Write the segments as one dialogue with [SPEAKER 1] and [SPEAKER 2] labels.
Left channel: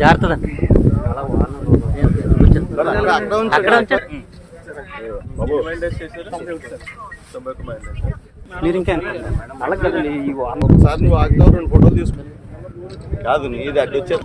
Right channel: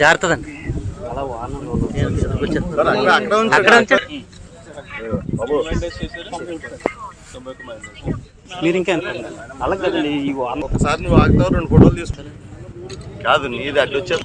[SPEAKER 1] జాగ్రత్త మీరు ఇంకా
[SPEAKER 2] ఒకసారి నువ్వు ఆగుతావు రెండు ఫోటోలు తీసుకుని కాదు నీది అడ్డు
[SPEAKER 3] వచ్చారు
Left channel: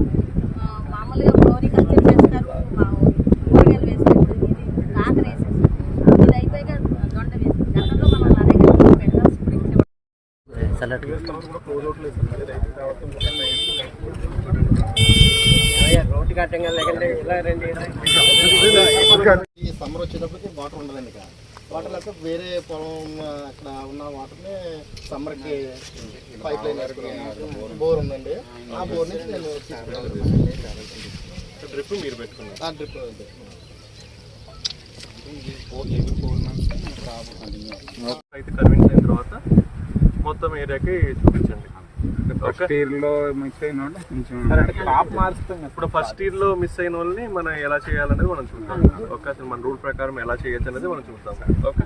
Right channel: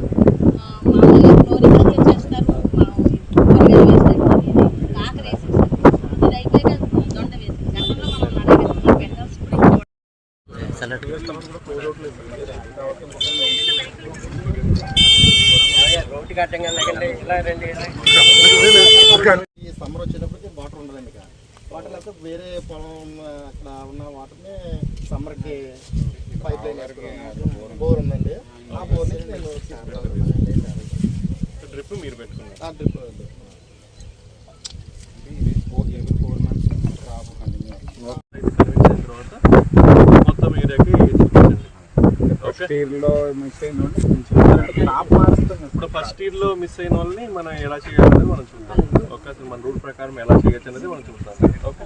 [SPEAKER 1] చల్లటి
[SPEAKER 4] ఈ సమ్మర్ వచ్చేటప్పటికి వాటర్ ఉండదండి ఇక్కడ. వాటర్ లేకపోతే వేరే పొలం అక్కడ ఉన్న వాటర్ని సమ్మర్కి పైప్ లైన్ వేసుకున్నాను బోర్ ఉందండి. ఆ బోర్ నుంచి నేను
[SPEAKER 2] డ్రిప్ మీరు పెట్టుకున్నారు.
[SPEAKER 4] ఆ డ్రిప్ ఉంది
[SPEAKER 2] అయితే కన్విన్స్ అయిన తర్వాత మొత్తం ఏరియాకి చూపించండి ఓకే ఇప్పుడు ఫస్ట్ ఇయర్లో మిస్ అయిన వాళ్ళని మనం ఎలా చేయాలనేది మనం చూద్దాం. ఓకే అసలు మన రూల్ ప్రకారం ఎలా చేయొచ్చు అనేది మనం చూద్దాం. ఓకే